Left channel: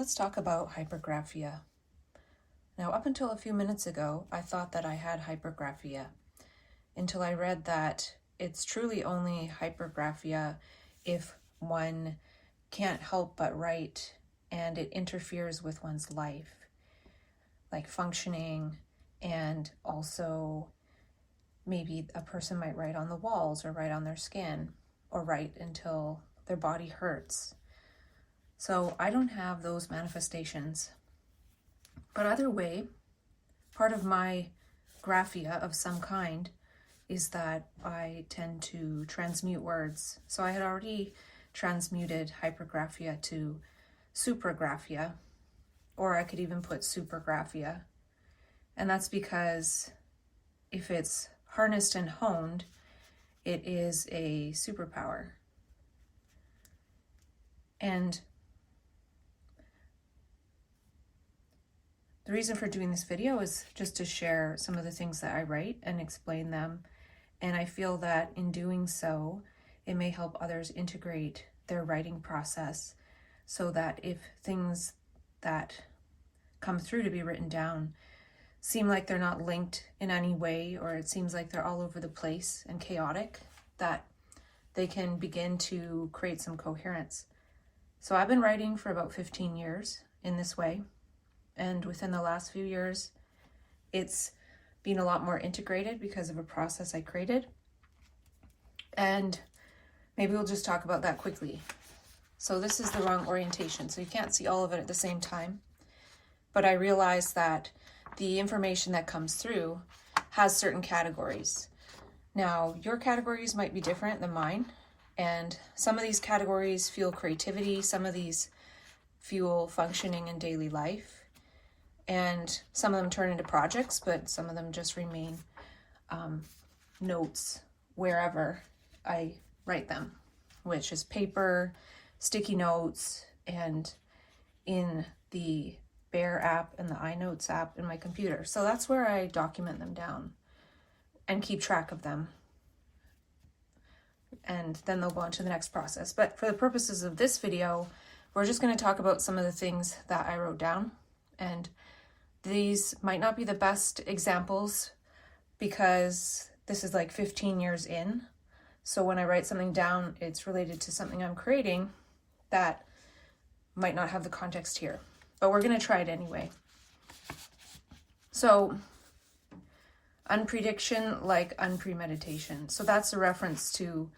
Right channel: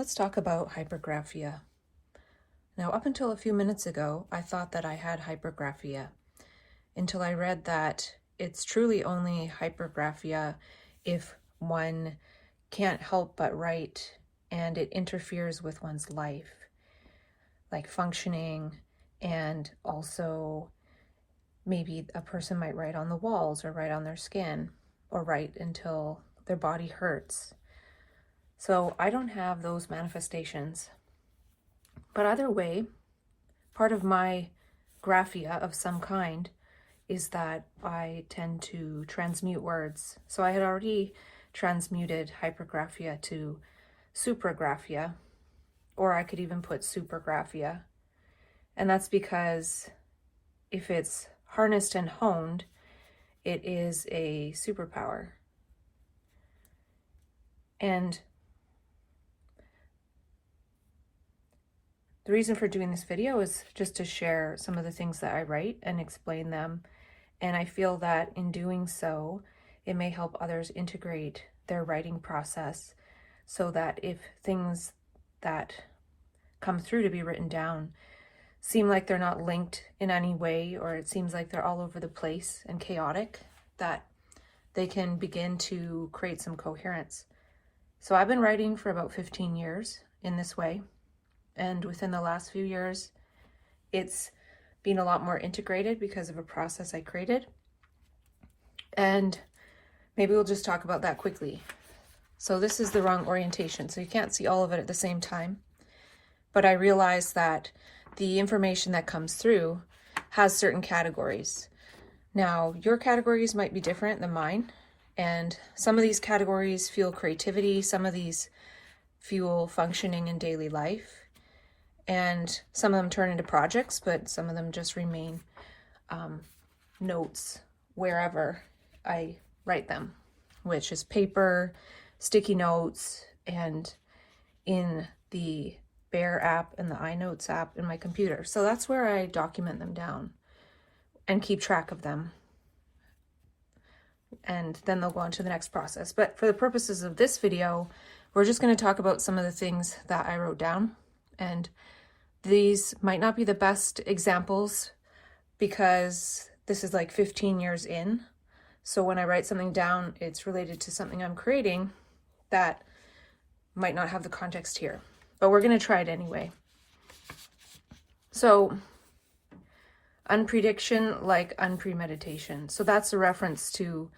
Let's talk about hypergraphia. Now, up until a few minutes ago, I thought that I had hypergraphia until I read that it's truly only hypergraphia if one can't help but write and it interferes with one's life, like functioning, and also maybe a person might write on the walls or write on their skin or write until their body hurts. So I don't have those manifestations. But either way, part of my graphia of some kind is that I tend to transmute words. So I had already transmuted hypergraphia to supragraphia, or I could even put supergraphia. And that's because if it's harnessed and honed, it is a superpower. And the reason for doing this video is just to share some of the things that I write and explain them. And I feel that in doing so, it may help others integrate their writing process so that if things that come through to be written down seem like they're not linked in any way, or it seems like they're all over the place and chaotic, that they can begin to create some coherence. So I've been writing for about 15 years in this way. And within the last few years, it's been a lot more integrated because of a process I created. And maybe we'll just talk about that quickly. So this is the wrong orientation, so you can't see all of it at the same time. But I realized that the information that comes through has certain categories. Now, your categories might be different than mine. And some of these categories fuel creativity, some of these fuel functioning in daily life. And some of them turn into projects, but some of them just remain notes wherever I write them, which is paper, sticky notes, and in the Bear app and the iNotes app in my computer. So that's where I document them down and keep track of them. And then they'll go into the next process. But for the purposes of this video, we're just going to talk about some of the things that I wrote down. And these might not be the best examples because this is like 15 years in. So when I write something down, it's related to something I'm creating that might not have the context here. But we're going to try it anyway. So unprediction like unpremeditation. So that's a reference to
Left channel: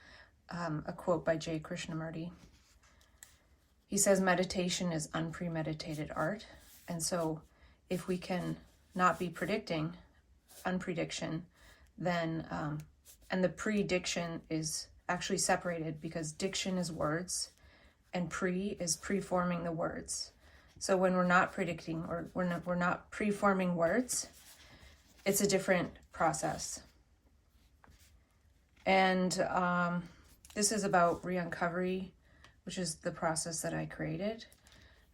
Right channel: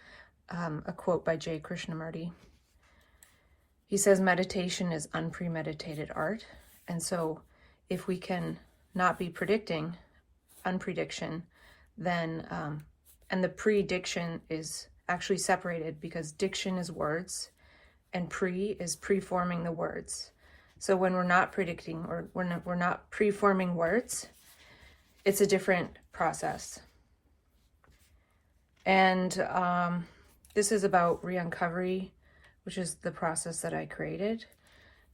a quote by J. Krishnamurti. He says meditation is unpremeditated art. And so if we can not be predicting unprediction, then, and the prediction is actually separated because diction is words and pre is preforming the words. So when we're not predicting or we're not preforming words, it's a different process. And this is about re-uncovery, which is the process that I created.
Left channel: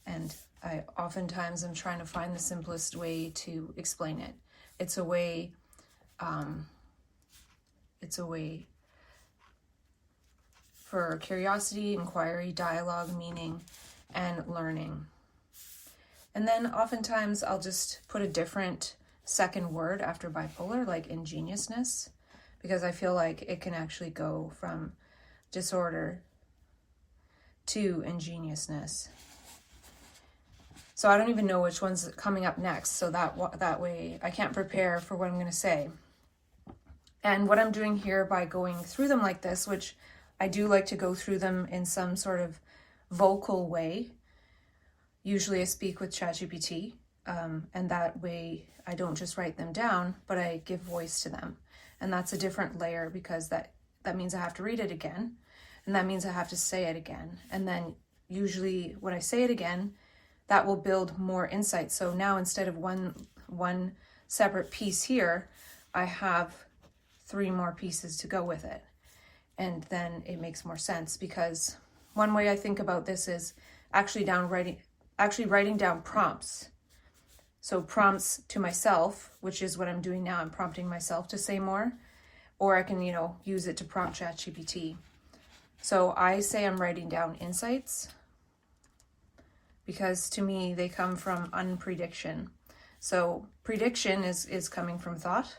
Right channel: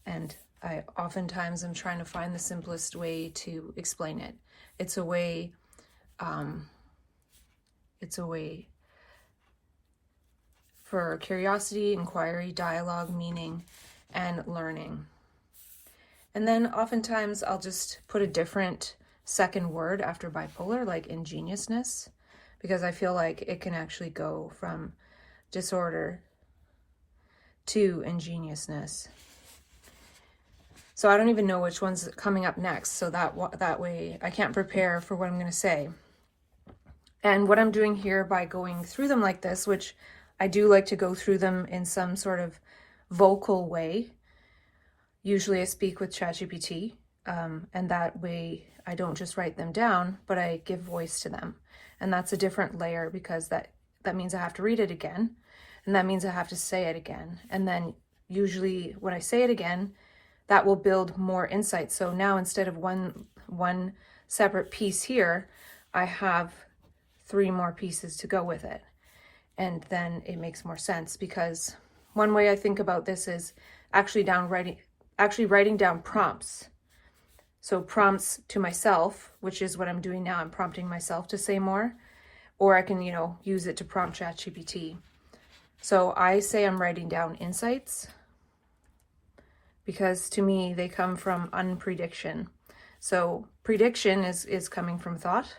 And I oftentimes am trying to find the simplest way to explain it. It's a way for curiosity, inquiry, dialogue, meaning, and learning. And then oftentimes I'll just put a different second word after bipolar, like ingeniousness, because I feel like it can actually go from disorder to ingeniousness. So I don't even know which one's coming up next, so that way I can't prepare for what I'm going to say. And what I'm doing here by going through them like this, which I do like to go through them in some sort of vocal way. Usually I speak with ChatGPT, and that way I don't just write them down, but I give voice to them. And that's a different layer because that means I have to read it again, and that means I have to say it again. And then usually when I say it again, that will build more insight. So now instead of one separate piece here, I have 3 more pieces to go with it. And then it makes more sense because one way I think about this is actually writing down prompts. So prompts to myself, which is what I'm doing now. I'm prompting myself to say more, or I can, use it to prompt ChatGPT. So I say I'm writing down insights because to me they come from unprediction. So prediction is coming from thought.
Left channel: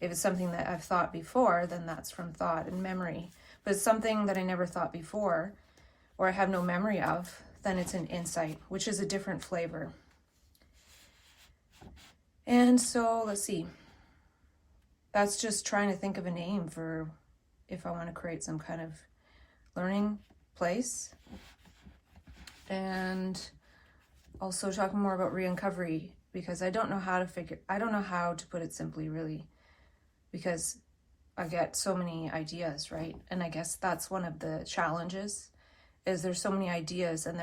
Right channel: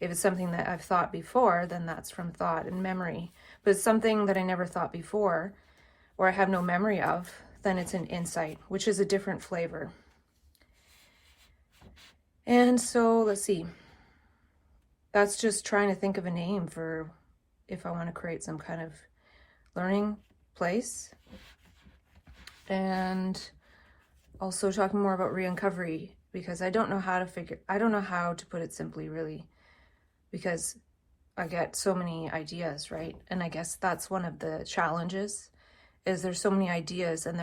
If it's something that I've thought before, then that's from thought and memory. But it's something that I never thought before, or I have no memory of, then it's an insight, which is a different flavor. And so let's see. That's just trying to think of a name for if I want to create some kind of learning place. And also talking more about re-uncovery, because I don't know how to put it simply, really, because I get so many ideas, right? And I guess that's one of the challenges, is there's so many ideas, and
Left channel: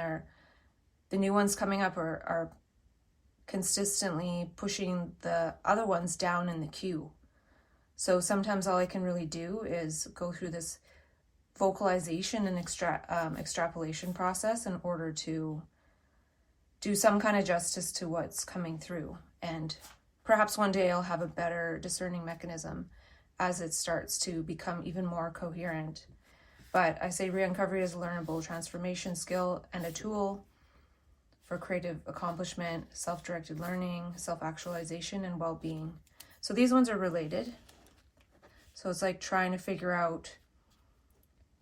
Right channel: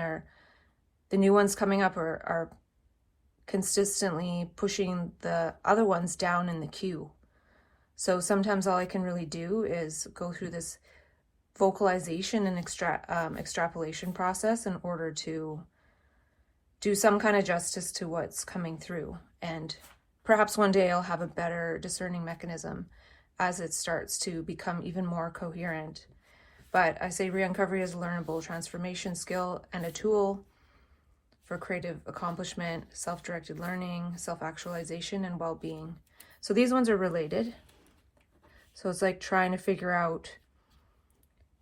the new ones coming up are consistently pushing the other ones down in the queue. So sometimes all I can really do is go through this vocalization and extrapolation process in order to do some kind of justice to what's coming through. And perhaps one day I'll have a better discerning mechanism as it starts to become even more coherent. But I say re-uncovery is a learnable transformation skill and a tool for creative accomplishment, self-directed learning, self-actualization, and well-being. So these ones are related. So it's like trying to figure out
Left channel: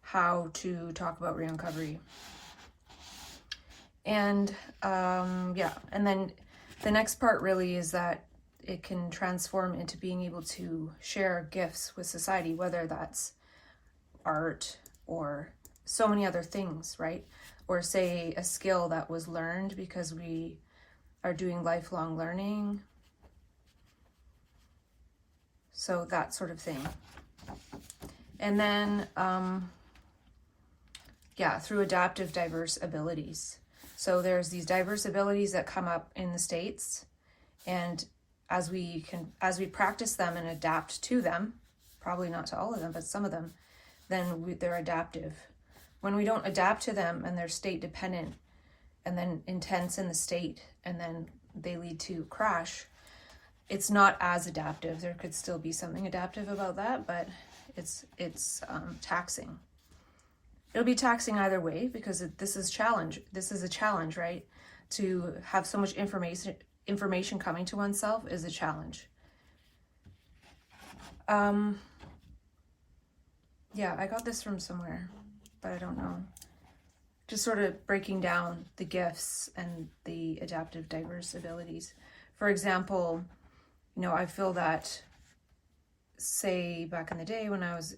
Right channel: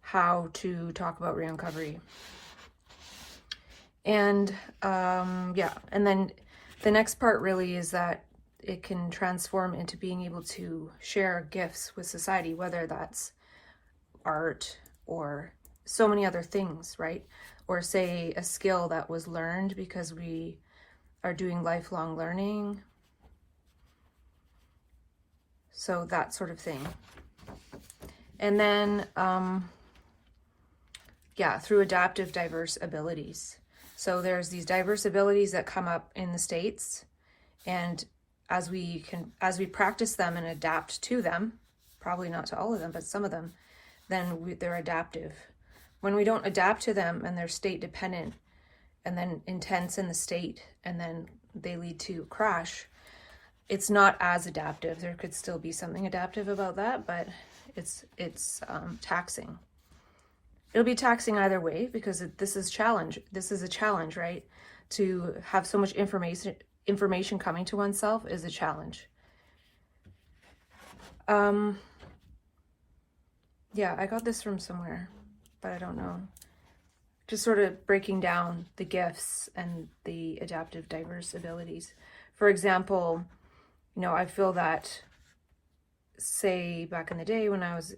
how to talk about re-uncovery. And and then the next part really is that it can transform into being able to share gifts with society, whether that's art or so many other things, right? Or say a skill that was learned because we are doing lifelong learning. So that sort of thing. And then, through adaptive diverse abilities. So there's these diverse abilities that come up in the States, and as we practice them and adapt to them, probably not to all of them, but some of them, then they're adaptive. When we don't adapt to them and they're state dependent and then intense in the state, and then they lead to crash, it's not as adaptive. There could still be something adaptive about that, but it's taxing. It'll be taxing either way, because this is a challenge, right? To have so much information coming to oneself is a challenge. I got this from somewhere, but I don't know. Just sort of breaking down the gifts and the adaptive diverse abilities. For example, I feel that, say, back in the day when I was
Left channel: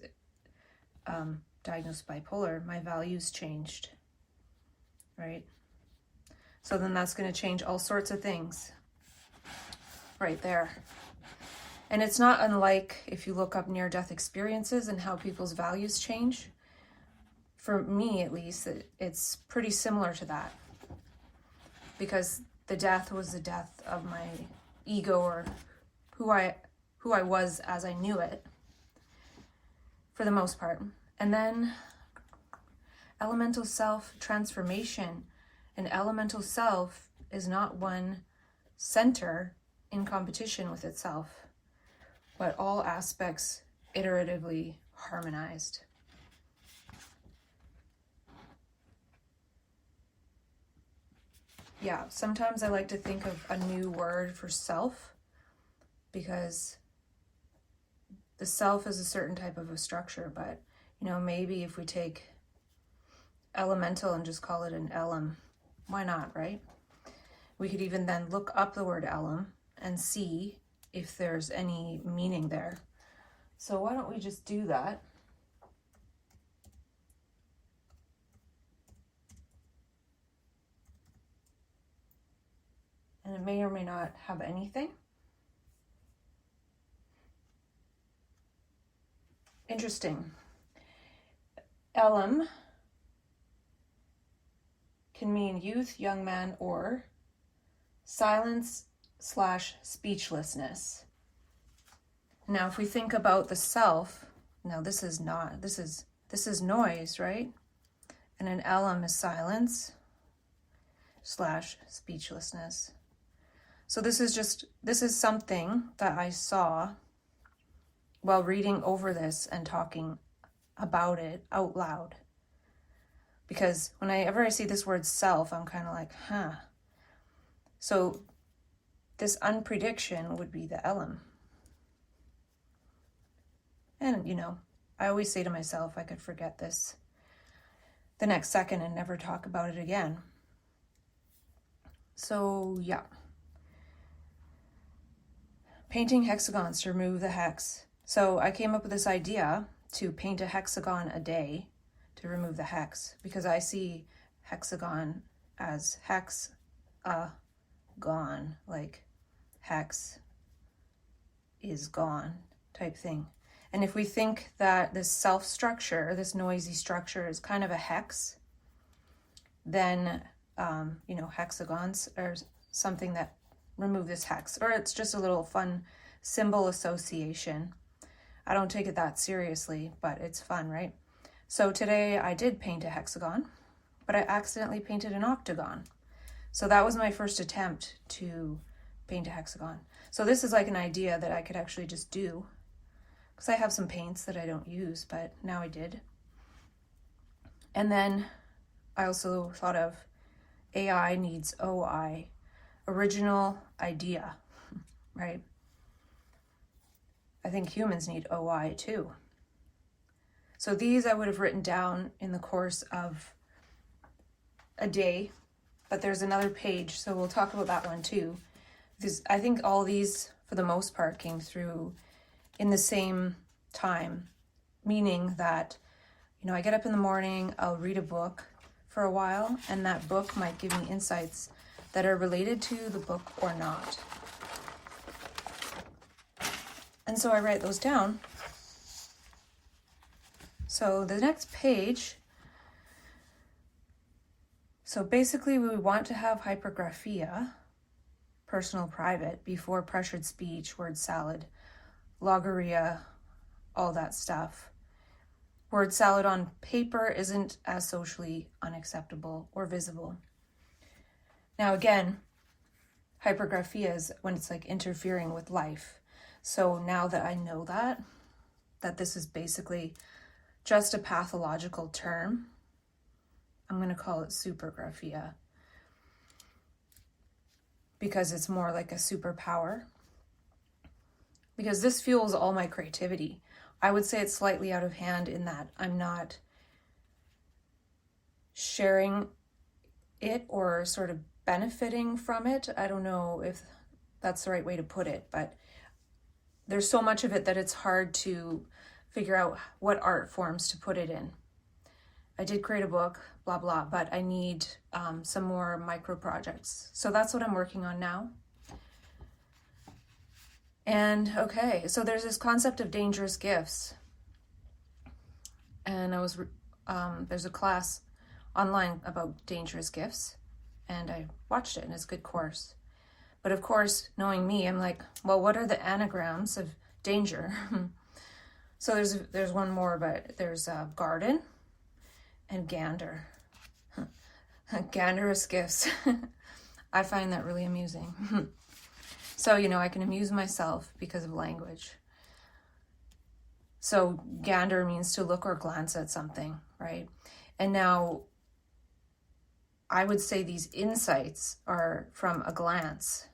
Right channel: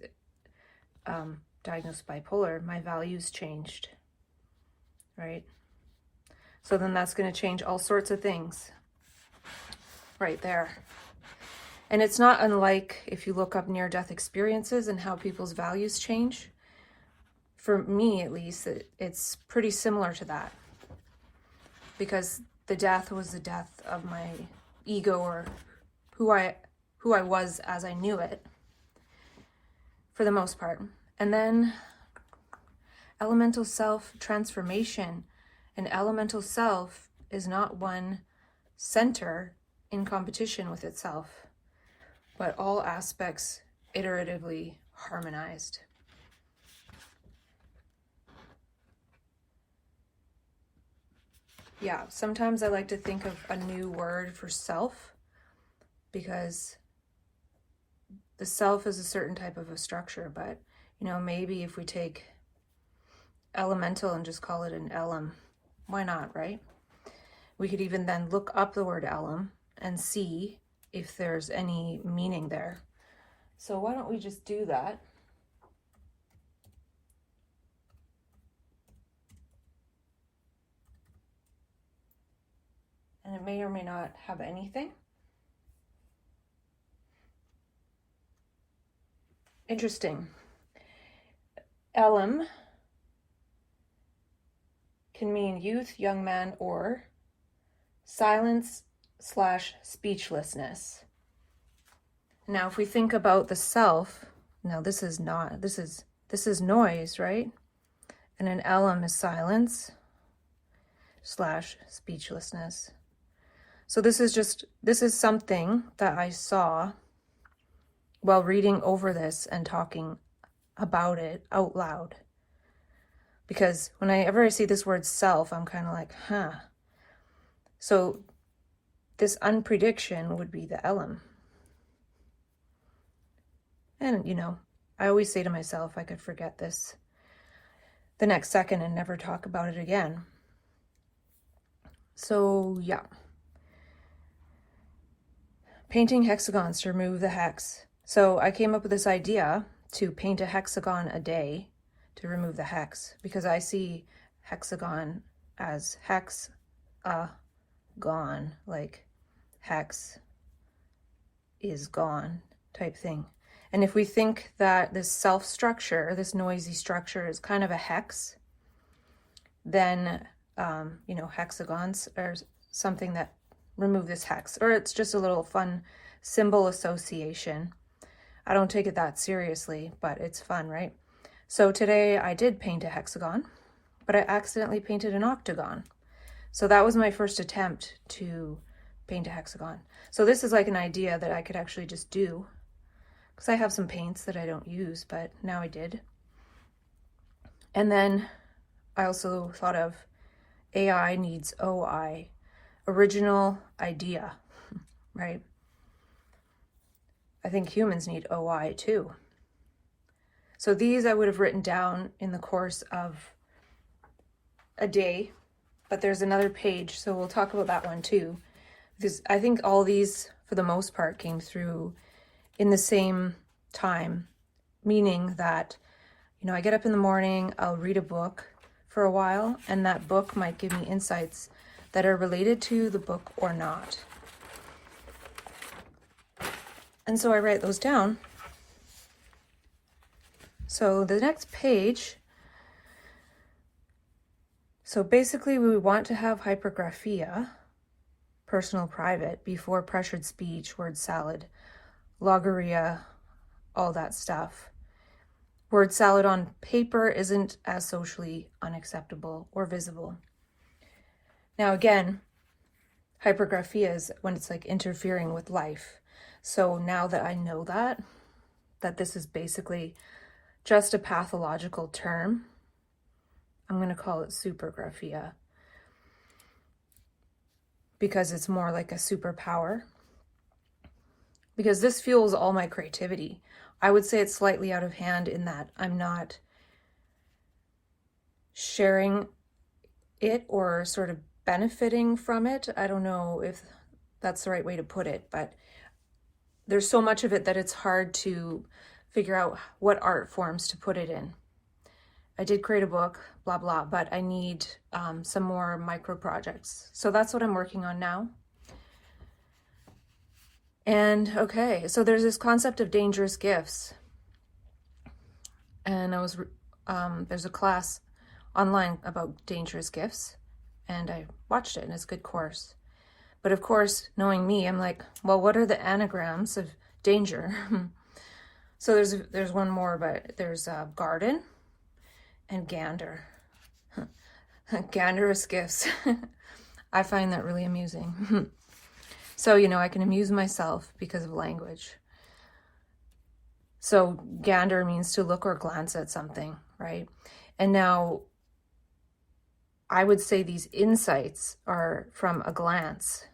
diagnosed bipolar, my values changed, right? So then that's going to change all sorts of things right there. And it's not unlike if you look up near-death experiences and how people's values change. For me, at least, it's pretty similar to that, because the death was the death of my ego, or who I was as I knew it, for the most part. And then elemental self transformation. An elemental self is not one center in competition with itself, but all aspects iteratively harmonized. Sometimes I like to think of a new word for self, because the self is a certain type of a structure, but maybe if we take elemental and just call it an elem, why not, right? We could even then look up the word elem and see if there's any meaning there. So why don't we just do that? And it may or may not have anything. Interesting. Elem can mean youth, young man, or silence/speechlessness. Now, if we think about the self, this is noise, right? And an elem is silence/speechlessness. So this is something that I saw while reading over this and talking about it out loud. because whenever I see this word self, I'm kind of like, huh. So this unprediction would be the elem. And, you know, I always say to myself, I could forget this the next second and never talk about it again. So, yeah. Painting hexagons to remove the hex. So I came up with this idea to paint a hexagon a day to remove the hex, because I see hexagon as hex, gone, like hex is gone type thing. And if we think that this self structure, this noisy structure, is kind of a hex, then, you know, hexagons are something that remove this hex, or it's just a little fun symbol association. I don't take it that seriously, but it's fun, right? So today I did paint a hexagon, but I accidentally painted an octagon. So that was my first attempt to paint a hexagon. So this is like an idea that I could actually just do, because I have some paints that I don't use, but now I did. And then I also thought of AI needs OI, original idea, right? I think humans need OI too. So these I would have written down in the course of a day, but there's another page, so we'll talk about that one too. Because I think all these, for the most part, came through in the same time, meaning that, you know, I get up in the morning, I'll read a book for a while, and that book might give me insights that are related to the book or not. And so I write those down. So the next page, so basically we want to have hypergraphia, personal private, before pressured speech, word salad, logorrhea, all that stuff. Word salad on paper isn't as socially unacceptable or visible. Now again, hypergraphia is when it's like interfering with life. So now that I know that this is basically just a pathological term, I'm going to call it supragraphia, because it's more like a superpower. Because this fuels all my creativity. I would say it's slightly out of hand in that I'm not sharing it or sort of benefiting from it. I don't know if that's the right way to put it, but there's so much of it that it's hard to figure out what art forms to put it in. I did create a book, blah, blah, but I need some more micro projects. So that's what I'm working on now. And okay, so there's this concept of dangerous gifts. And there's a class online about dangerous gifts, and I watched it, and it's a good course. But of course, knowing me, I'm like, well, what are the anagrams of danger? So there's one more, but there's garden and gander. Ganderous Gifts. I find that really amusing. So, you know, I can amuse myself because of language. So gander means to look or glance at something, right? And now I would say these insights are from a glance.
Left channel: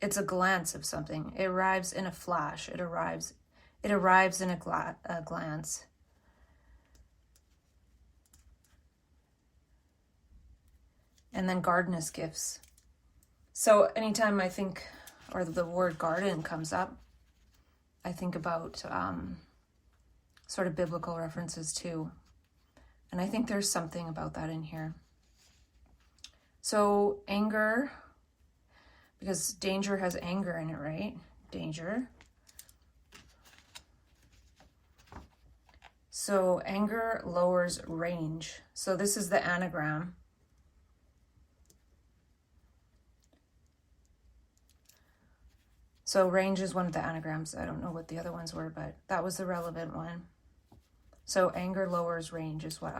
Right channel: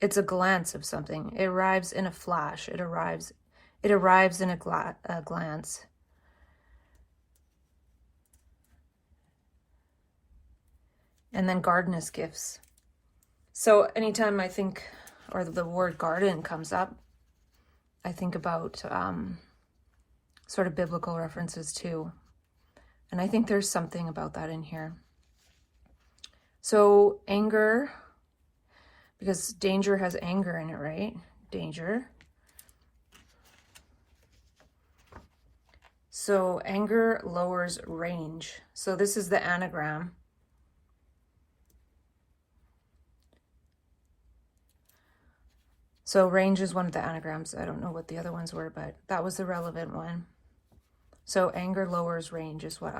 It's a glance of something. It arrives in a flash. It arrives in a glance. And then gardenous gifts. So anytime I think, or the word garden comes up, I think about sort of biblical references too. And I think there's something about that in here. So anger, because danger has anger in it, right? Danger. So anger lowers range. So this is the anagram. So range is one of the anagrams. I don't know what the other ones were, but that was the relevant one. So anger lowers range is what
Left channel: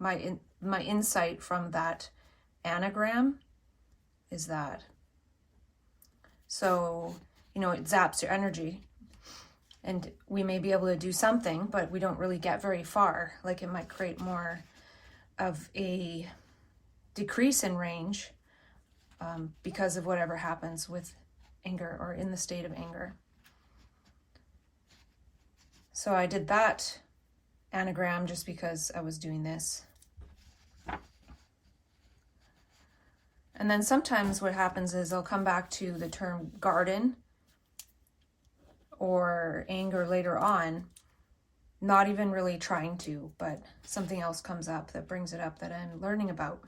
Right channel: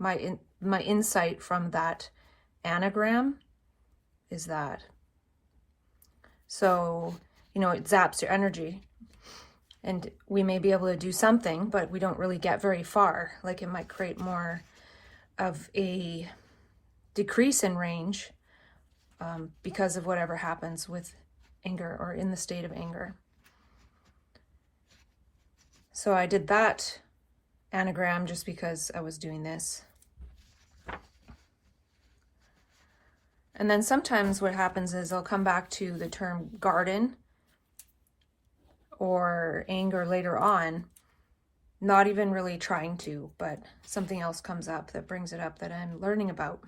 my insight from that anagram is that. So, you know, it zaps your energy. And we may be able to do something, but we don't really get very far. Like it might create more of a decrease in range because of whatever happens with anger or in the state of anger. So I did that anagram just because I was doing this. And then sometimes what happens is I'll come back to the term garden or anger later on, not even really trying to, but something else comes up that brings it up that I'm learning about.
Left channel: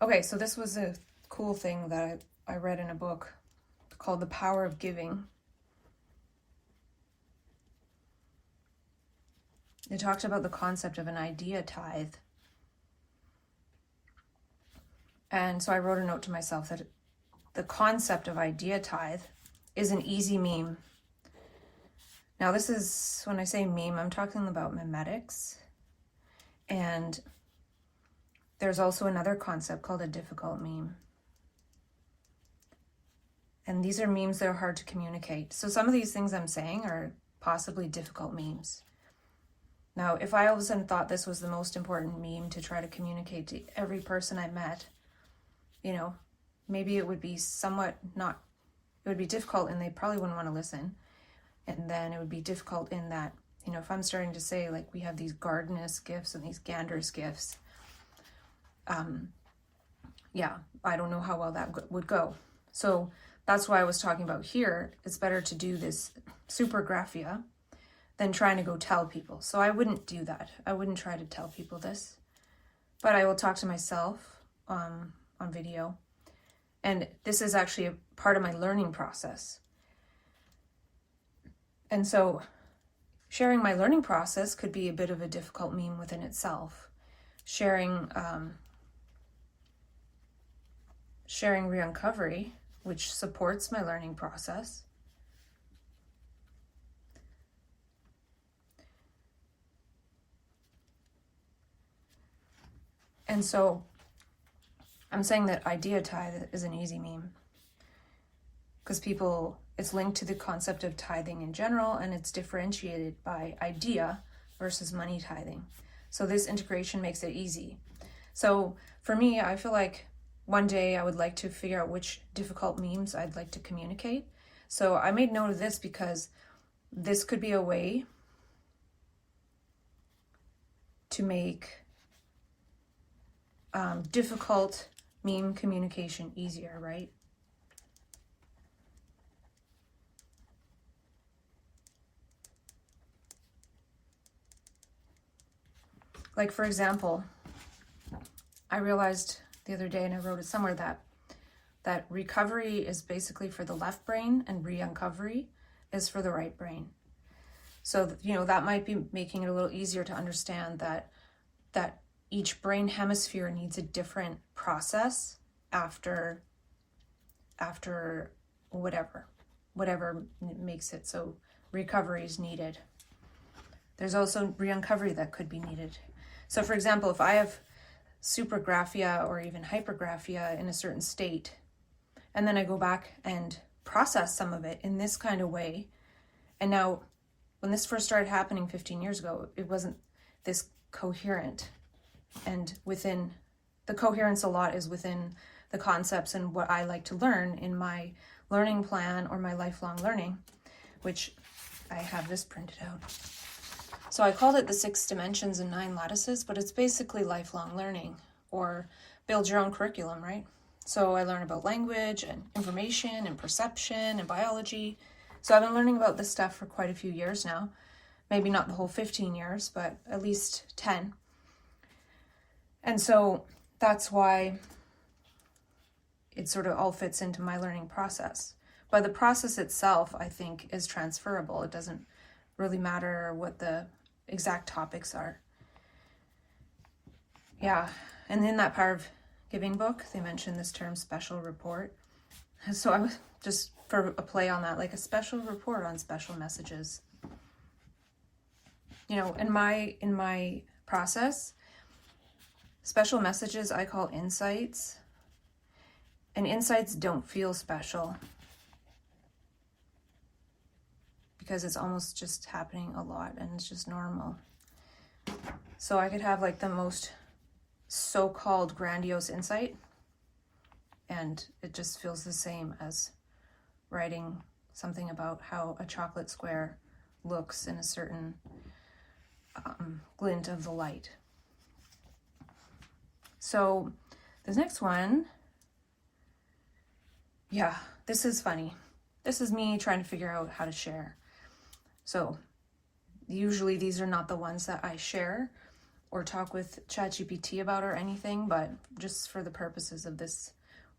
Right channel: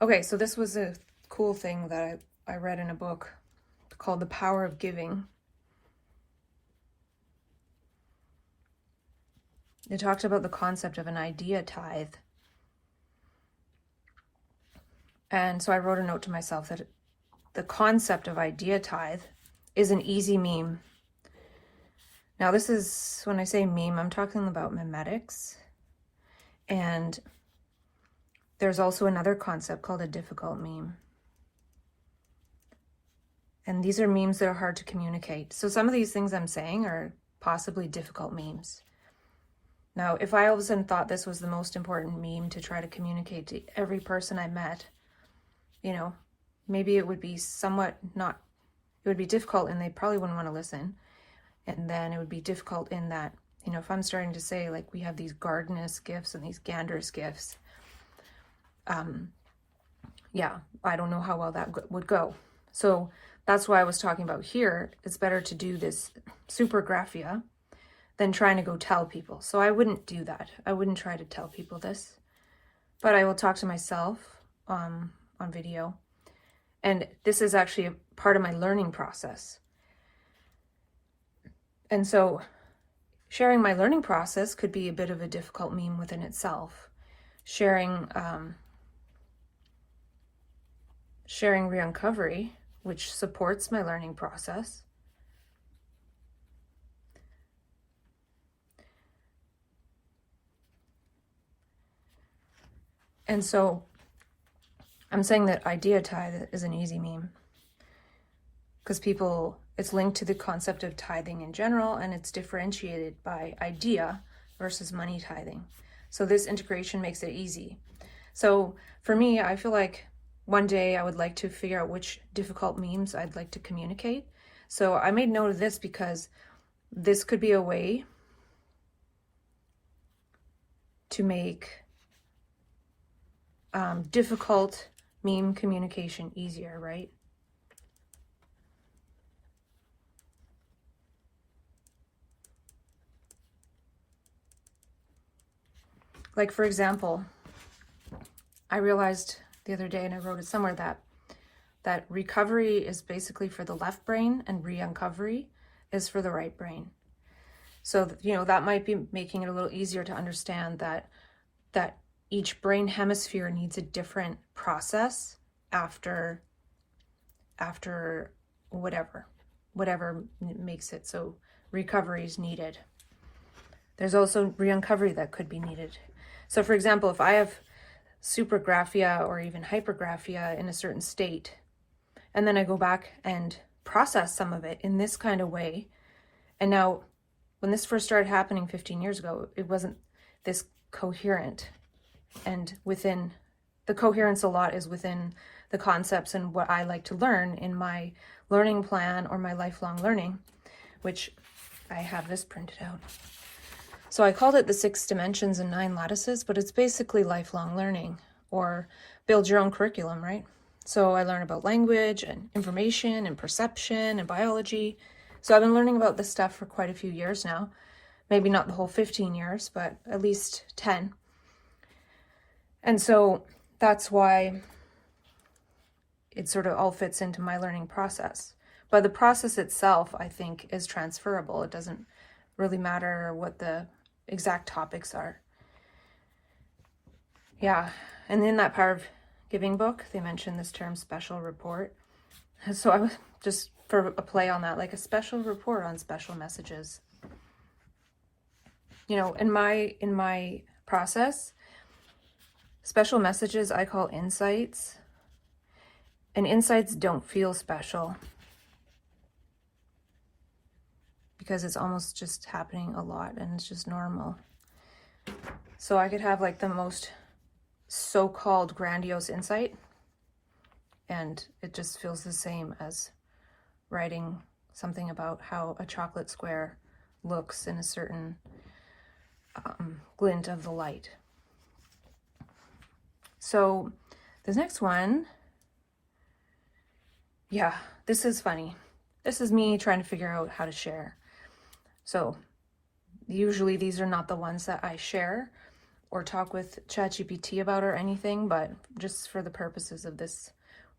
Okay, so this was a cool thing that I read in a book called The Power of Giving. It talks about the concept of an idea tithe. And so I wrote a note to myself that the concept of idea tithe is an easy meme. Now this is, when I say meme, I'm talking about memetics. And there's also another concept called a difficult meme. And these are memes that are hard to communicate. So some of these things I'm saying are possibly difficult memes. Now, if I all of a sudden thought this was the most important meme to try to communicate to every person I met, you know, maybe it would be somewhat not, it would be difficult and they probably wouldn't want to listen. And then it would be difficult in that, you know, if I'm starting to say like we have these Ganderous Gifts and these Ganderous Gifts, yeah, I don't know how well that would go. So that's why I was talking about here. It's better to do this Supragraphia than trying to go tell people. So I wouldn't do that. I wouldn't try to tell people this, but I will talk to myself on video. And this is actually a part of my learning process. And so sharing my learning process could be a bit of a difficult meme within itself. Sharing re-uncovery, which supports my learning process. And so I'm saying that idea tithe is an easy meme because it's linked to the concept of tithing in general, and it's differentiated by idea versus money tithing. So this integration makes it easy. So for me, I feel like one day I would like to figure out which difficult memes I'd like to communicate. So I made note of this because this could be a way to make difficult meme communication easier, right? Like, for example, I realized the other day, and I wrote it somewhere, that recovery is basically for the left brain and re-uncovery is for the right brain. So, you know, that might be making it a little easier to understand that each brain hemisphere needs a different process after whatever makes it so recovery is needed. There's also re-uncovery that could be needed. So for example, if I have Supragraphia or even Hypergraphia in a certain state, and then I go back and process some of it in this kind of way, and now when this first started happening 15 years ago, it wasn't this coherent. And within the coherence a lot is within the concepts and what I like to learn in my learning plan or my lifelong learning, which I have this printed out. So I called it the 6 dimensions and 9 lattices, but it's basically lifelong learning or build your own curriculum, right? So I learn about language and information and perception and biology. So I've been learning about this stuff for quite a few years now. Maybe not the whole 15 years, but at least 10. And so that's why it sort of all fits into my learning process. But the process itself, I think, is transferable. It doesn't really matter what the exact topics are. Yeah, and in that Power of Giving book, they mentioned this term special report. So I was just for a play on that, like a special report on special messages. You know, in my process, special messages I call insights, and insights don't feel special. because it's almost just happening a lot and it's just normal. So I could have like the most so-called grandiose insight, and it just feels the same as writing something about how a chocolate square looks in a certain glint of the light. So this next one, yeah, this is funny. This is me trying to figure out how to share. So usually these are not the ones that I share or talk with ChatGPT about or anything, but just for the purposes of this,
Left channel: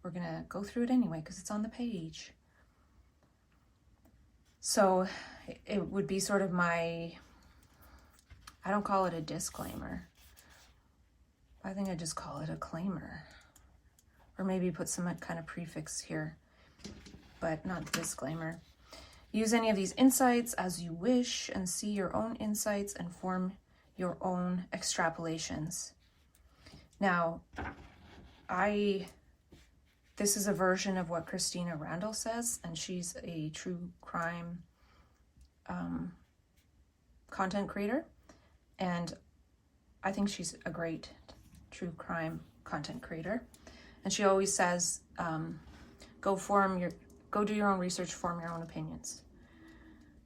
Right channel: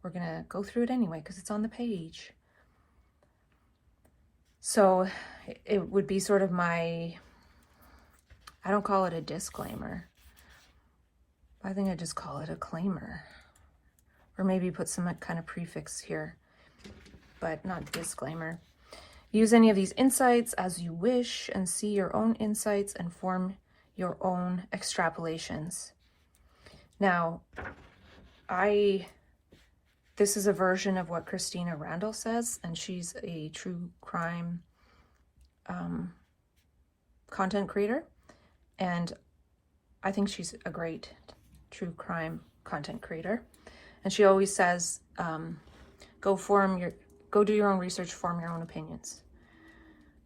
we're gonna go through it anyway because it's on the page. So it would be sort of my, I don't call it a disclaimer. I think I just call it a claimer. Or maybe put some kind of prefix here, but not disclaimer. Use any of these insights as you wish and see your own insights and form your own extrapolations. Now, this is a version of what Christina Randall says, and she's a true crime content creator, and I think she's a great true crime content creator. And she always says, go do your own research, form your own opinions,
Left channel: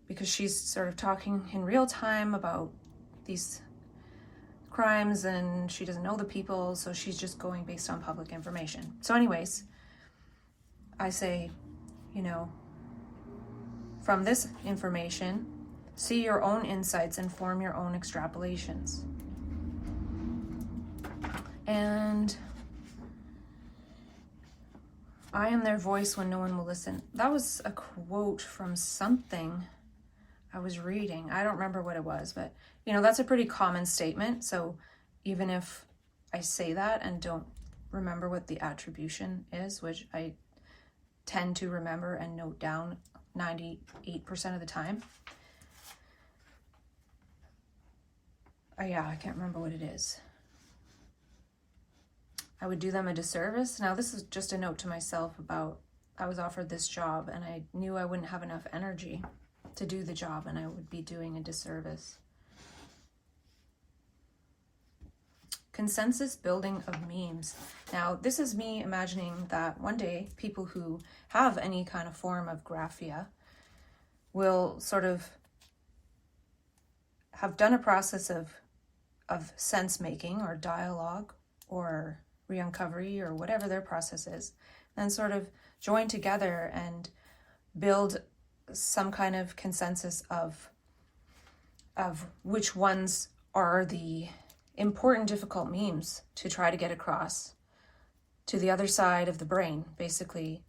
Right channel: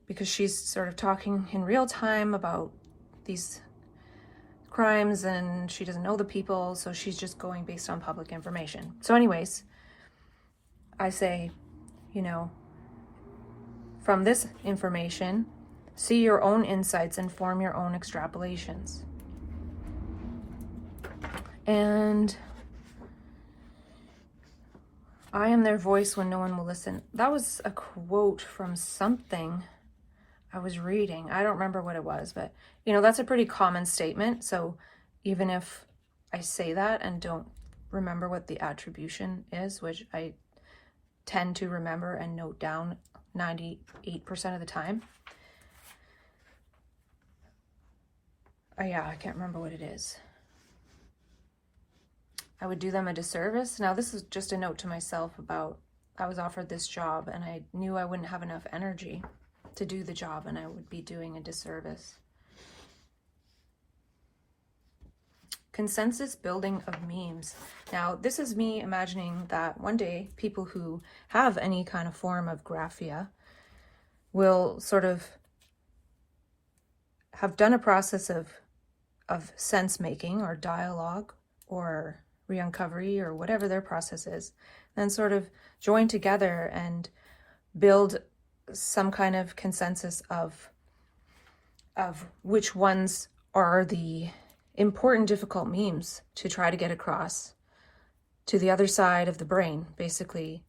because she's sort of talking in real time about these crimes and she doesn't know the people, so she's just going based on public information. So anyways, I say, from this information, see your own insights and form your own extrapolations. And I am their voice when no one will listen. That was a quote from something I was reading. I don't remember what it was, but that's a pretty common statement. So even if I say that and don't remember what the attribution is, which I tend to remember and note down 98% of the time. I can't remember what it is. I would do them a disservice. Now this is just a note to myself about, I was offered this job and I knew I wouldn't have enough energy to do the job and I would be doing a disservice. Consensus building of memes. Now this is me imagining that one day people who have any kind of form of graphia will sort of have done a process of sense making or dialogue or re-uncovery or whatever their process is, then sort of join together and build some kind of consensus of which ones are the important, difficult memes to try to get across to the other side of the brain, basically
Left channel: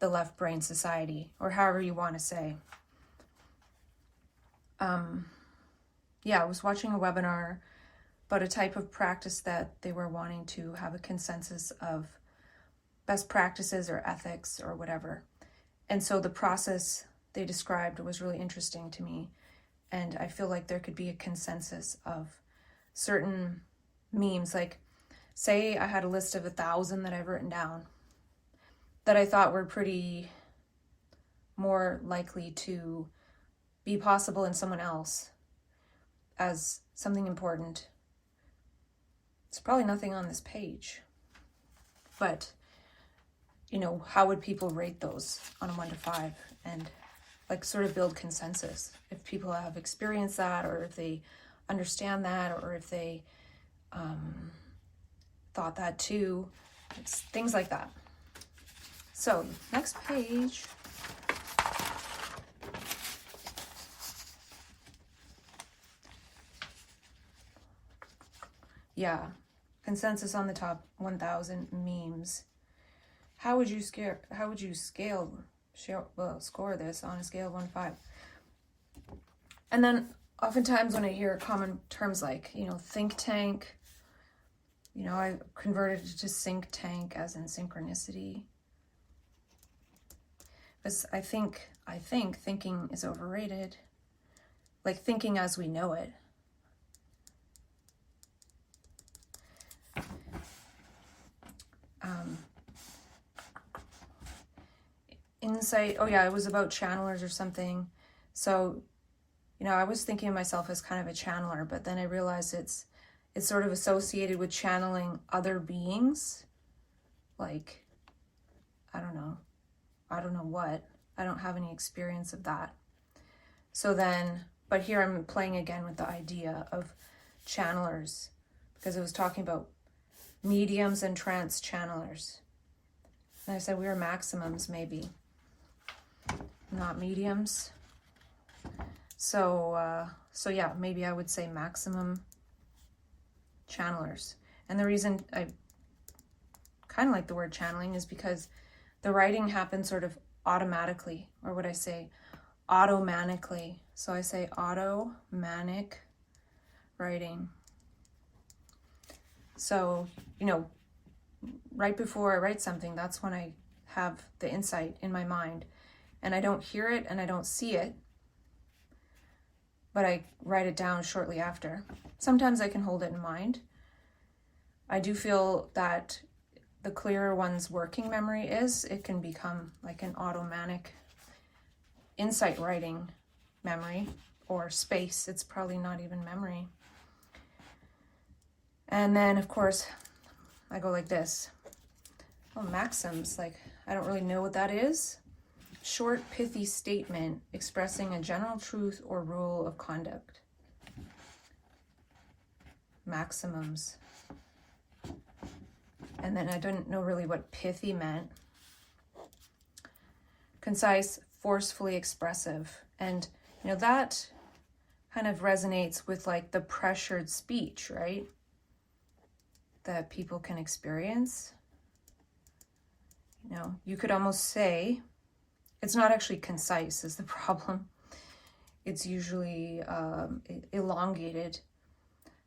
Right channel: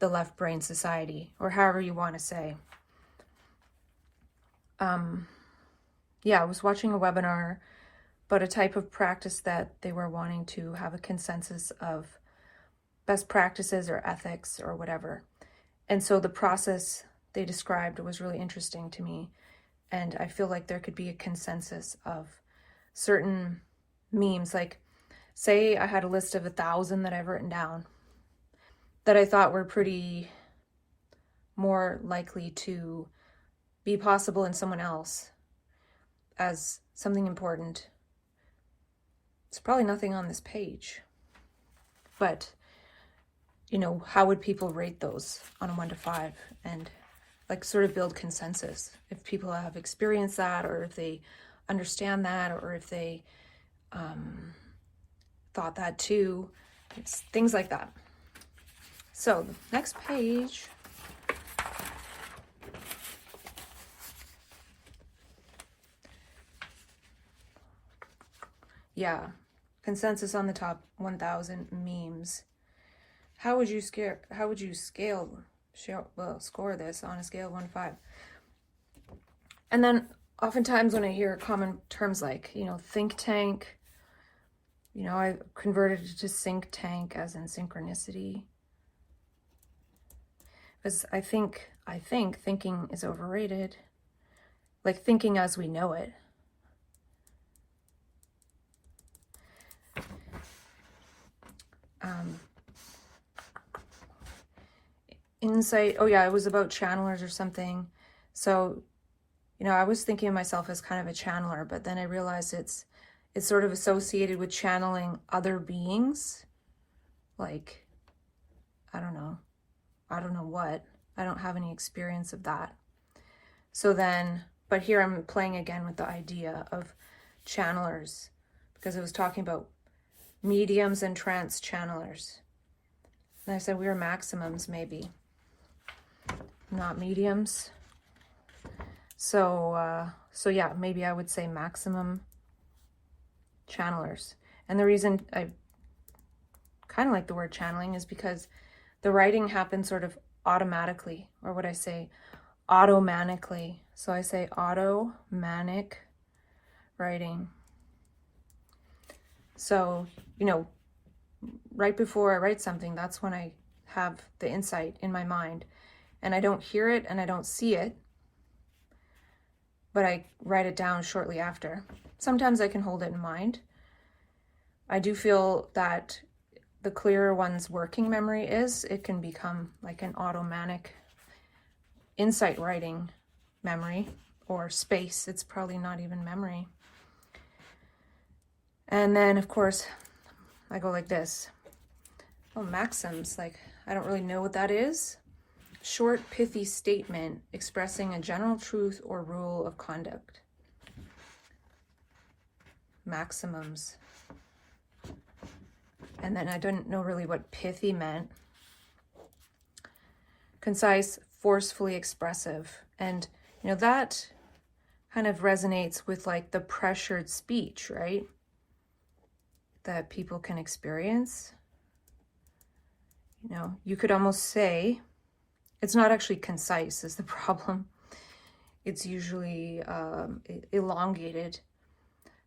the left brain society, or however you want to say. I was watching a webinar about a type of practice that they were wanting to have a consensus of best practices or ethics or whatever. And so the process they described was really interesting to me. And I feel like there could be a consensus of certain memes. Like, say I had a list of 1,000 that I've written down that I thought were pretty more likely to be possible in someone else as something important. It's probably nothing on this page, but how would people rate those on a 1 to 5 and like sort of build consensus if people have experienced that, or if they understand that, or if they thought that too. It's things like that. So next page. Yeah, consensus on the top 1,000 memes. How would you score this on a scale of 1 to 5? And then oftentimes when I hear common terms like, think tank, I converted it to think tank as in synchronicity. Because I think thinking is overrated. Like thinking as we know it. Insight, it was about channelers or something. So you know, I was thinking of myself as kind of a channeler, but then I realized it's sort of associated with channeling other beings. Like, I don't know what. I don't have any experience of that. So then, but here I'm playing again with the idea of channelers, because I was talking about mediums and trance channelers. And I said we were maximums, maybe, not mediums. So yeah, maybe I would say maximum channelers. And the reason I kind of like the word channeling is because the writing happens sort of automatically, or what I say, automatically. So I say automanic writing. So, you know, right before I write something, that's when I have the insight in my mind. And I don't hear it and I don't see it, but I write it down shortly after. Sometimes I can hold it in mind. I do feel that the clearer one's working memory is, it can become like an automatic insight writing memory, or space. It's probably not even memory. And then, of course, I go like this. Oh, maxims, like, I don't really know what that is. Short, pithy statement expressing a general truth or rule of conduct. Maximums. And then I didn't know really what pithy meant. Concise, forcefully expressive. And, you know, that kind of resonates with like the pressured speech, right? That people can experience. You know, you could almost say, it's not actually concise is the problem. It's usually elongated.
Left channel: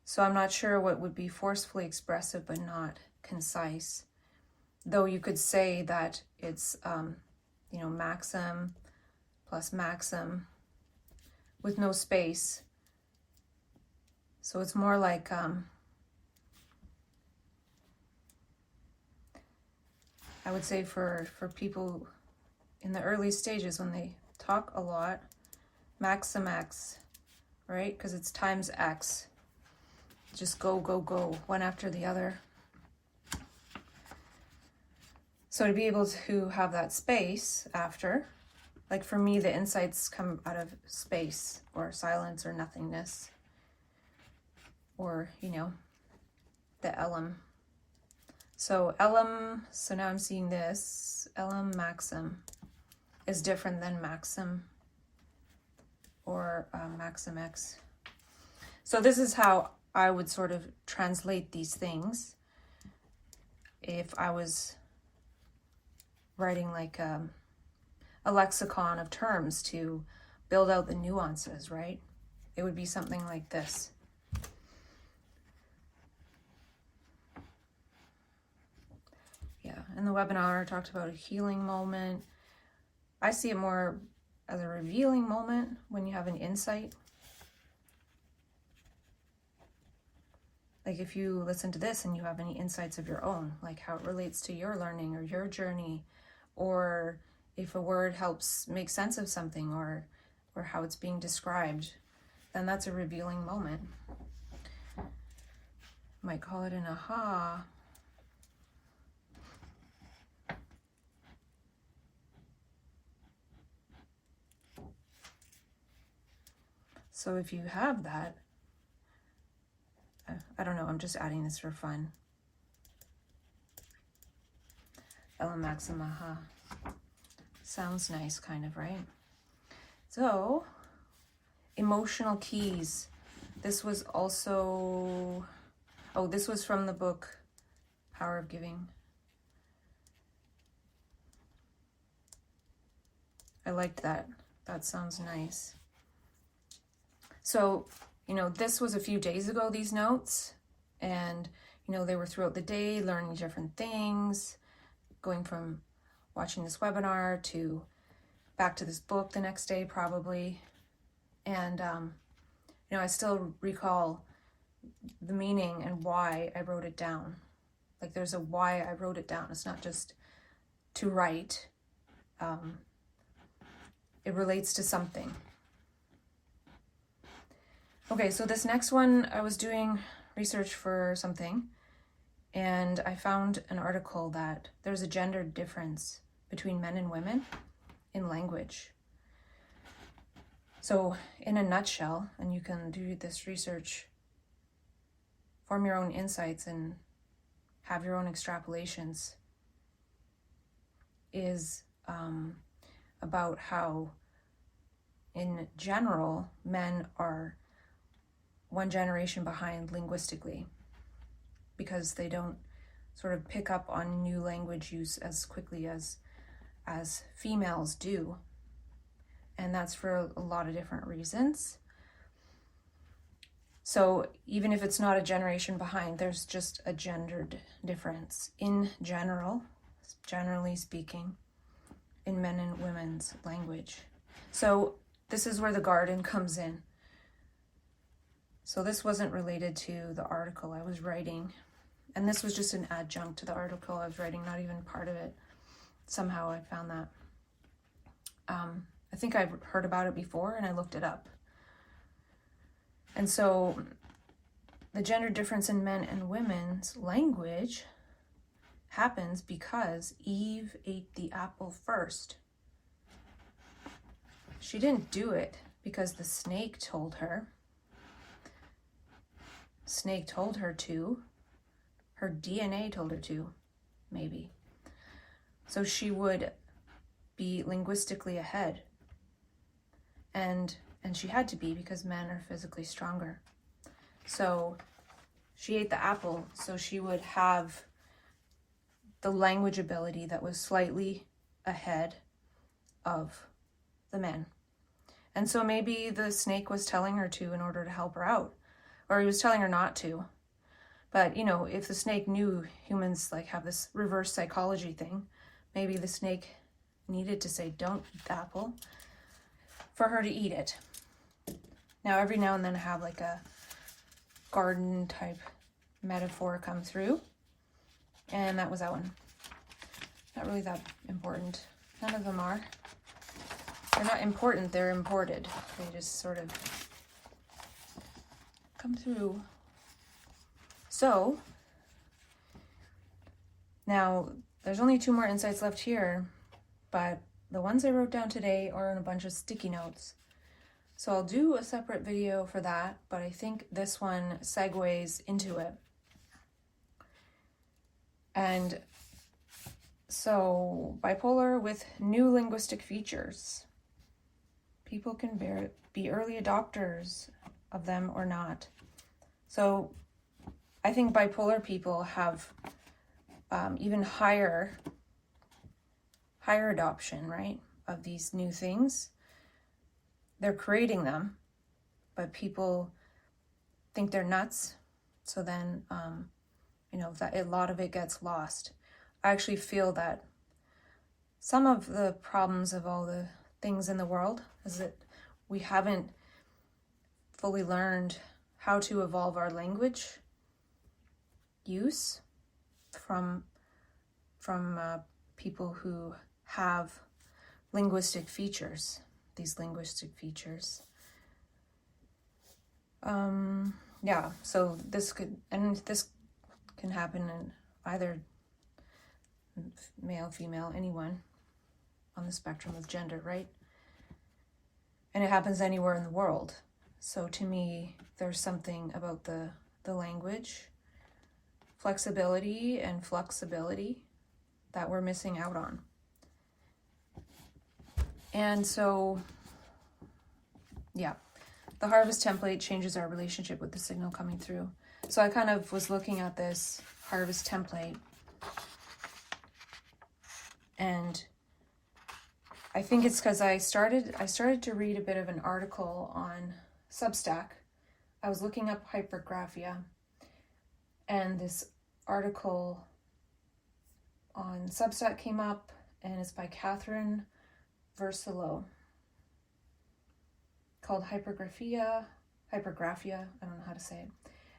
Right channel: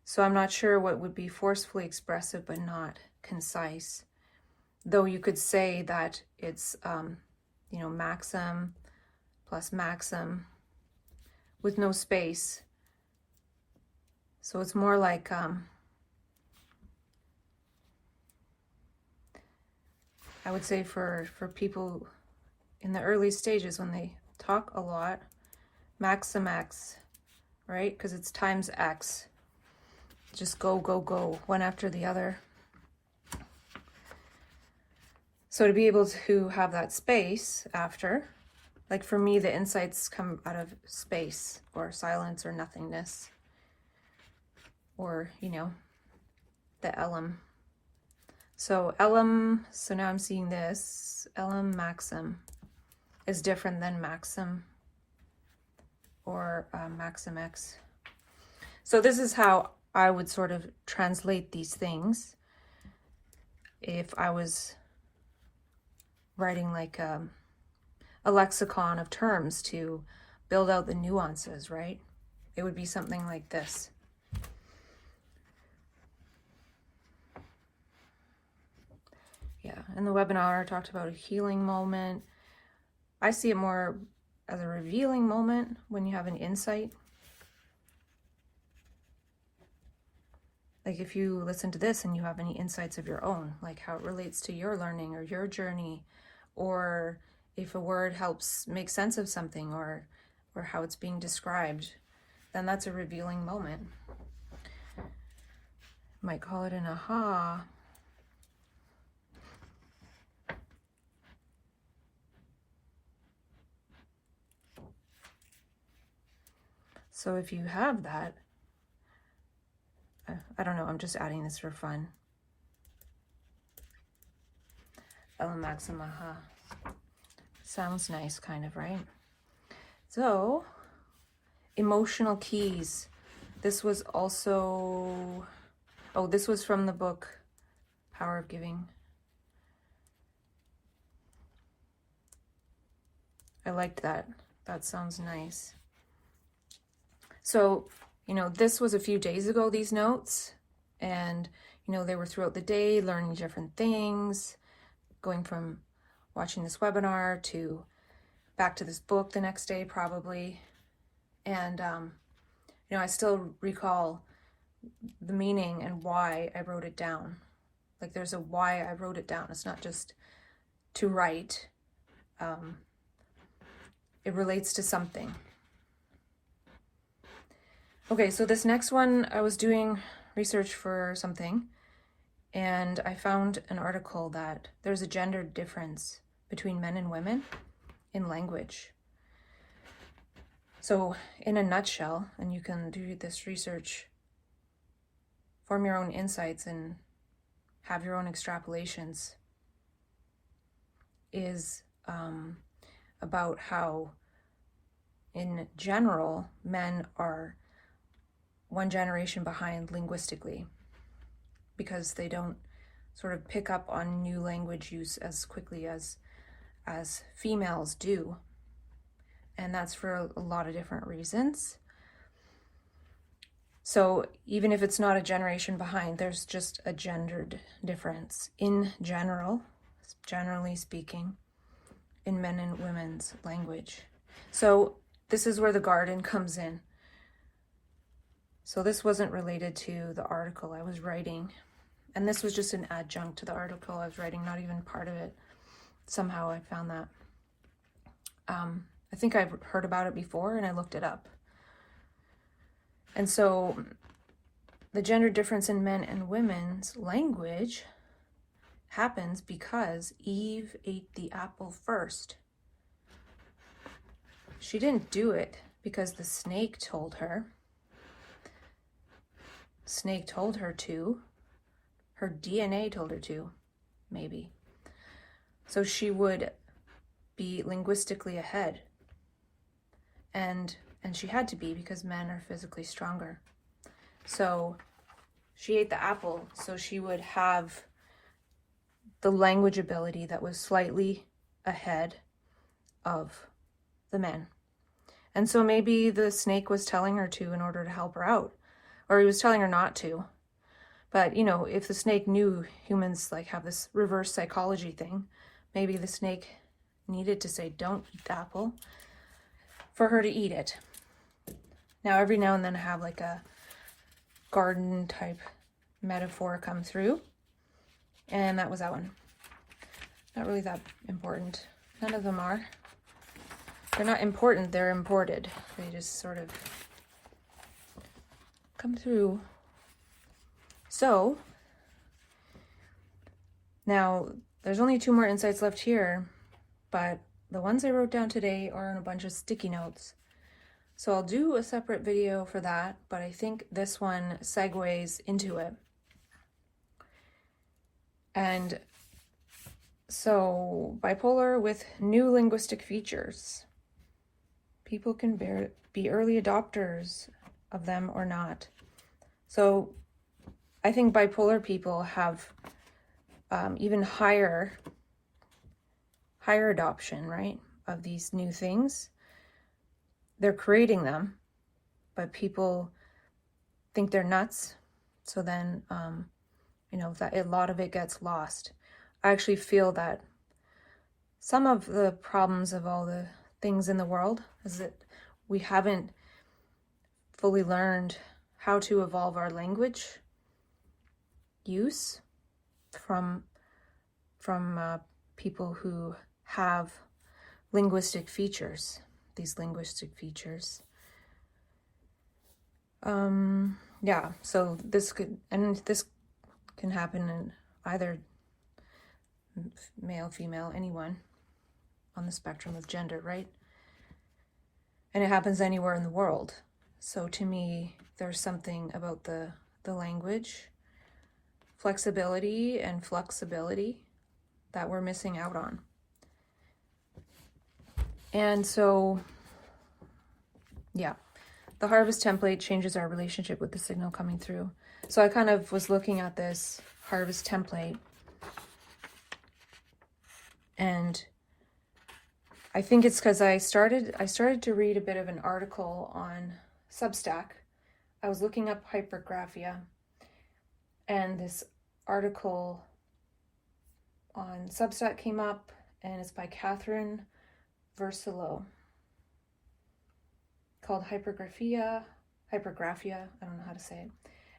So I'm not sure what would be forcefully expressive but not concise. Though you could say that it's, you know, maxim plus maxim with no space. So it's more like, I would say for people in the early stages when they talk a lot, maxim X, right? Because it's times X. Just go, go, go, one after the other. So to be able to have that space after, like for me, the insights come out of space or silence or nothingness, or, you know, the elem. So elem, so now I'm seeing this, elem maxim is different than maxim or maxim X. So this is how I would sort of translate these things if I was writing like a lexicon of terms to build out the nuances, right? It would be something like this. Yeah, in the webinar I talked about a healing moment. I see it more as a revealing moment when you have an insight. Like if you listen to this and you have any insights of your own, like how it relates to your learning or your journey, or if a word helps make sense of something, or how it's being described, then that's a revealing moment. Might call it an aha. So if you have that, I don't know, I'm just adding this for fun. Elem maxim aha. Sounds nice, kind of, right? So, emotional keys. This was also, oh, this was from the book Power of Giving. I liked that. That sounds nice. So, you know, this was a few days ago, these notes, and, you know, they were throughout the day, learning different things, going from watching this webinar to back to this book the next day, probably. And, you know, I still recall the meaning and why I wrote it down. Like there's a why I wrote it down. It's not just to write. It relates to something. Okay, so this next one, I was doing research for something, and I found an article that there's a gender difference between men and women in language. So in a nutshell, and you can do this research, form your own insights and have your own extrapolations, is about how in general men are one generation behind linguistically because they don't sort of pick up on new language use as quickly as females do. And that's for a lot of different reasons. So even if it's not a generation behind, there's just a gendered difference in general, generally speaking, in men and women's language. So this is where the garden comes in. So this wasn't related to the article I was writing. And this was just an adjunct to the article I was writing, not even part of it. Somehow I found that. I think I've heard about it before and I looked it up. And so the gender difference in men and women's language happens because Eve ate the apple first. She didn't do it because the snake told her. Snake told her to. Her DNA told her to, maybe. So she would be linguistically ahead. And she had to be because men are physically stronger. So she ate the apple, so she would have the language ability that was slightly ahead of the men. And so maybe the snake was telling her to in order to help her out, or he was telling her not to. But, you know, if the snake knew humans like have this reverse psychology thing, maybe the snake needed to say, don't eat the apple, for her to eat it. Now, every now and then I have like a garden type metaphor come through, and that was that one. Not really that important. None of them are. They're not important, they're imported. They just sort of come through. So, now there's only 2 more insights left here, but the ones I wrote down today are in a bunch of sticky notes. So I'll do a separate video for that, but I think this one segues into it. And so, bipolar with new linguistic features. People can be early adopters of them or not. So I think bipolar people have even higher adoption, right, of these new things. They're creating them, but people think they're nuts. So then, you know, that a lot of it gets lost. I actually feel that some of the problems of all the things in the world is that we haven't fully learned how to evolve our language use from people who have linguistic features, these linguistic features. Yeah, so this can happen in either male, female, anyone on the spectrum of gender, right? And it happens anywhere in the world. So to me, there's something about the language, flexibility and flexibility that we're missing out on. And so, yeah, the harvest template changes our relationship with the signal coming through. So I kind of was looking at this harvest template, and I think it's because I started to read a bit of an article on Substack. I was looking up Hypergraphia, and this article on Substack came up, and it's by Catherine Versilo, called Hypergraphia, I don't know how to say it,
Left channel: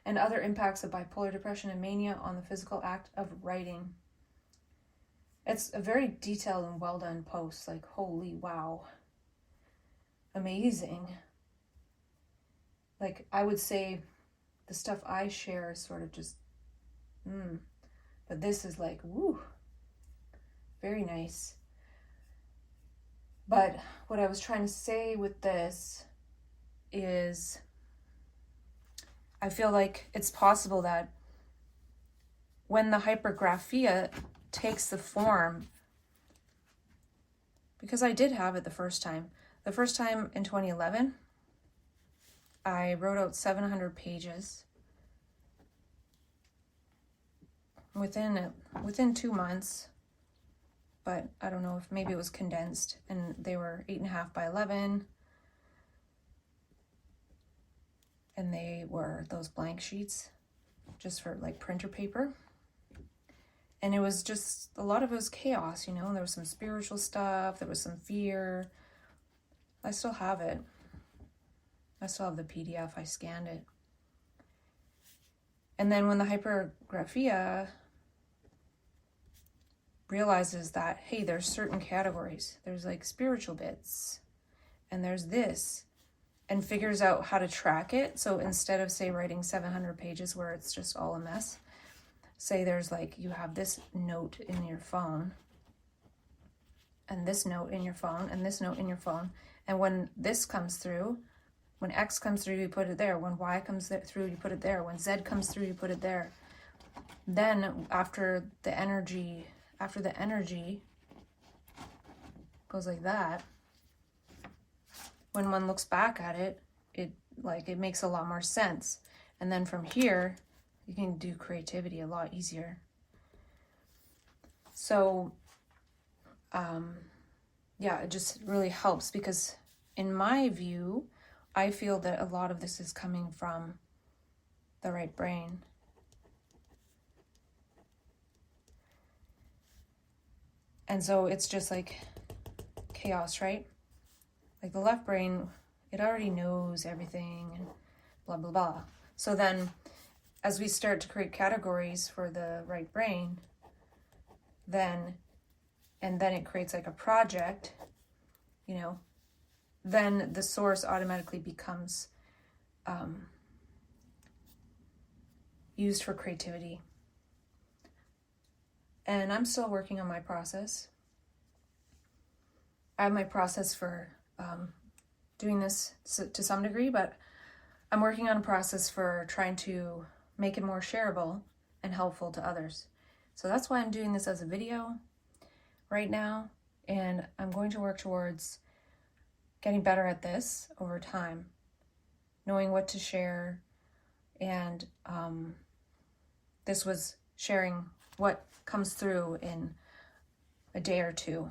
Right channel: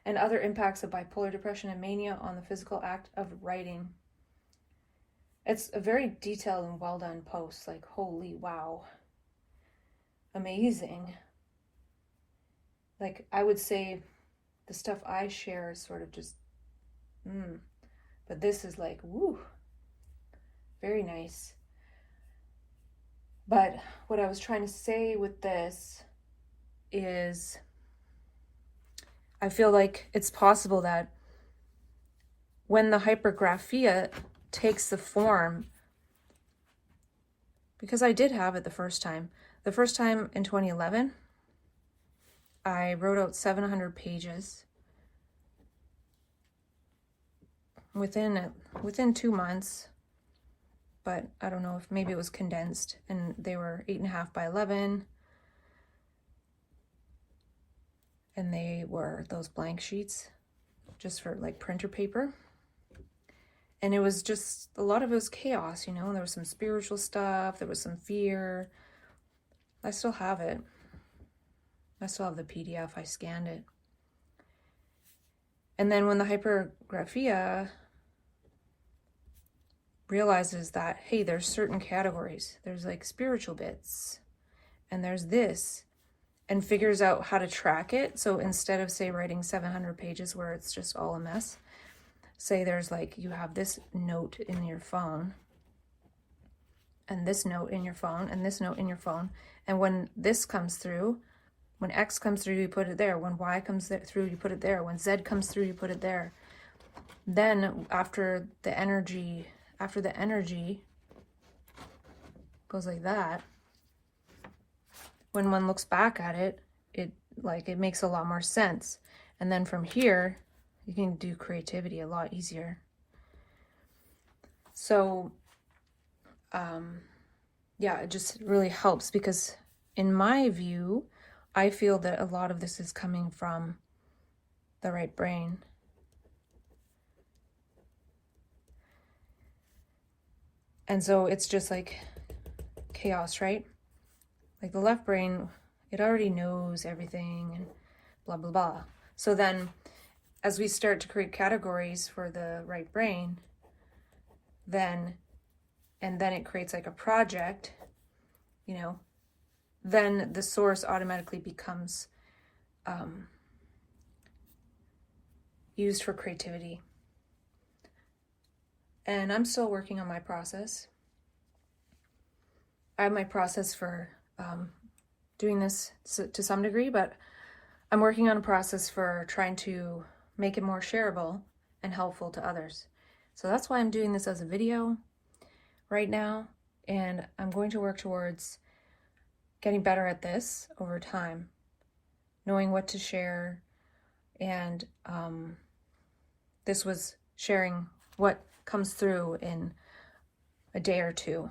and other impacts of bipolar depression and mania on the physical act of writing. It's a very detailed and well done post, like holy wow, amazing. like, I would say the stuff I share is sort of just, but this is like, woo, very nice. But what I was trying to say with this is, I feel like it's possible that when the hypergraphia takes the form, because I did have it the first time in 2011, I wrote out 700 pages within 2 months, but I don't know if maybe it was condensed, and they were 8.5 by 11, and they were those blank sheets just for like printer paper. And it was just, a lot of it was chaos, you know, there was some spiritual stuff, there was some fear. I still have it. I still have the PDF, I scanned it. And then when the hypergraphia realizes that, hey, there's certain categories, there's like spiritual bits, and there's this, and figures out how to track it. So instead of, say, writing 700 pages where it's just all a mess, say there's like, you have this note in your phone, and this note in your phone, and this note in your phone, and when this comes through, when X comes through, you put it there. When Y comes through, you put it there. When Z comes through, you put it there. Then after the energy goes like that, when one looks back at it, it makes a lot more sense. And then from here, you can do creativity a lot easier. So, yeah, it just really helps, because in my view, I feel that a lot of this is coming from the right brain. And so it's just like chaos, right? Like the left brain, it already knows everything and blah, blah, blah. So then as we start to create categories for the right brain, then it creates like a project, you know, then the source automatically becomes used for creativity. And I'm still working on my process. I have my process for doing this to some degree, but I'm working on a process for trying to make it more shareable and helpful to others. So that's why I'm doing this as a video right now, and I'm going to work towards getting better at this over time, knowing what to share, and this was sharing what comes through in a day or two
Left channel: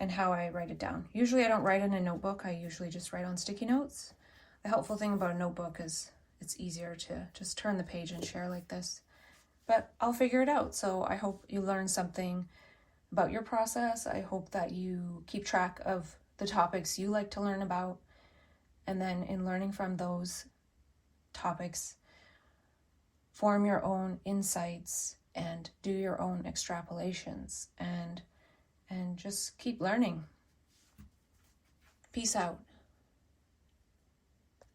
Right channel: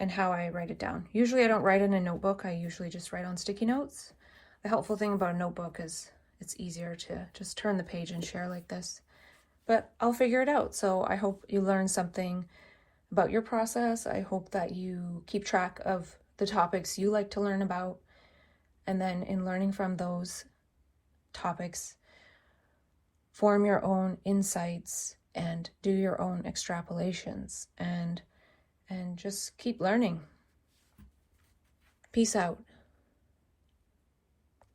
and how I write it down. Usually I don't write in a notebook, I usually just write on sticky notes. The helpful thing about a notebook is it's easier to just turn the page and share like this. But I'll figure it out. So I hope you learn something about your process. I hope that you keep track of the topics you like to learn about, and then in learning from those topics, form your own insights and do your own extrapolations, and just keep learning. Peace out.